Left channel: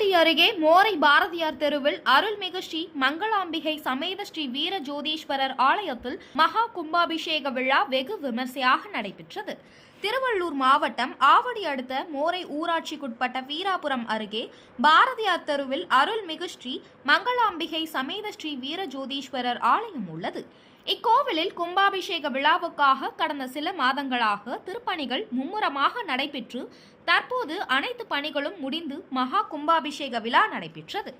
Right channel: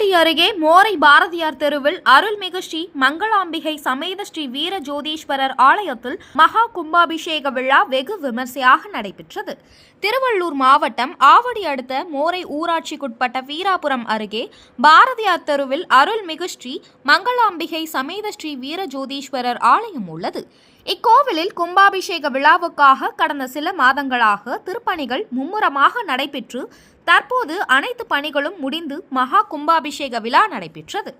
ஆவடி அருகே மோரை பாரதியார் தெருவில் அருள்மிகு ஸ்ரீ மங்களாம்பிகை சமேத ஸ்ரீ வீர ஜோதீஸ்வரர் ஆலயத்தில் மகா கும்பாபிஷேக விழா வெகு விமர்சையாக நடைபெற்றது. திருவள்ளூர் மாவட்டம் ஆவடி அடுத்த மோரை ஊராட்சிக்குட்பட்ட வீராபுரம் அருகே பாரதியார் தெருவில் அருள்மிகு ஸ்ரீ மங்களாம்பிகை சமேத ஸ்ரீ வீர ஜோதீஸ்வரர் ஆலயம் உள்ளது. இக்கோவிலில் கும்பாபிஷேக விழாவுக்காக கடந்த சில மாதங்களாக திருப்பணிகள் மும்முரமாக நடைபெற்று தற்போது அனைத்து பணிகளும் முடிந்து மகா கும்பாபிஷேக விழா நடைபெற்றது.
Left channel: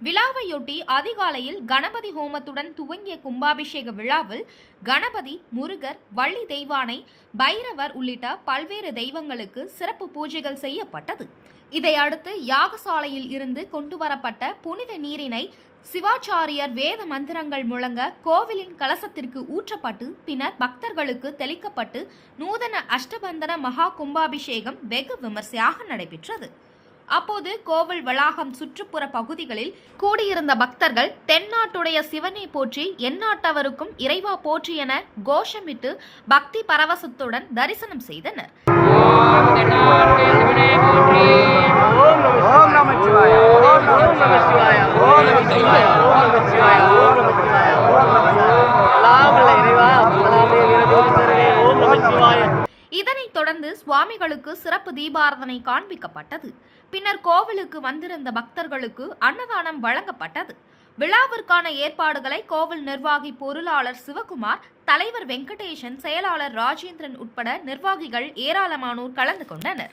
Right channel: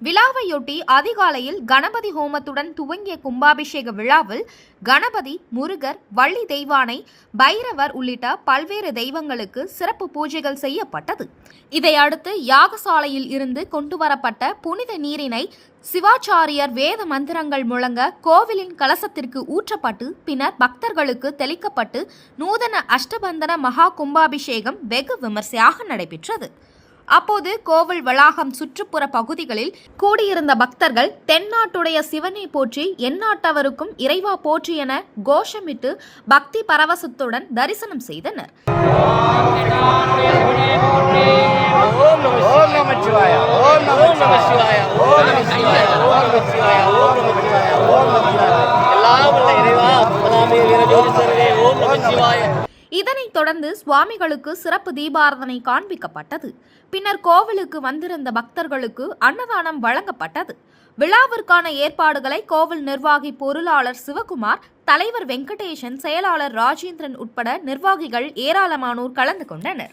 விழாவையொட்டி அதிகாலையில் கணபதி ஹோமத்துடன் துவங்கிய கும்பாபிஷேக விழாவில் கணபதி முருகர் வள்ளி தெய்வானை பைரவர் உள்ளிட்ட பல்வேறு தெய்வங்களுக்கு சிறப்பு பூஜைகள் செய்யப்பட்டது. இதையடுத்து யாகசாலையில் இருந்து கொண்டு வரப்பட்ட புனித நீரினை சிவாச்சாரியர் வேத மந்திரங்கள் முழங்க கோவிலின் கலசத்திற்கு ஊற்றப்பட்டு பின்னர் பக்தர்களுக்கு தெளிக்கப்பட்டு நூதன அஷ்டபந்தன மகா கும்பாபிஷேகம் வெகு விமர்சையாக நடைபெற்றது. அப்போது கோவில் வளாகம் சுற்றுப்புற பகுதிகளில் கூடியிருந்த பக்தர்கள் தென்னாட்டுடைய சிவனை போற்றி எந்நாட்டவருக்கும் இறைவா போற்றி என கோஷமிட்டு பக்தி பரவசத்துடன் தரிசனம் செய்தனர். இதனைத் தொடர்ந்து சுவாமிகளுக்கு சிறப்பு தீபாரதனை காண்பிக்கப்பட்டது. பின்னர் கோவிலுக்கு வந்திருந்த பக்தர்களுக்கு அன்னதானம் வழங்கப்பட்டது. விழாவிற்கான ஏற்பாடுகளை கோவில் நிர்வாகி பொருளாளர் சிவகுமார் தலைவர் வெங்கடேசன் செயலாளர் ராஜேந்திரன் உட்பட நிர்வாகிகள் ஏராளமானோர் கலந்து கொண்டனர்.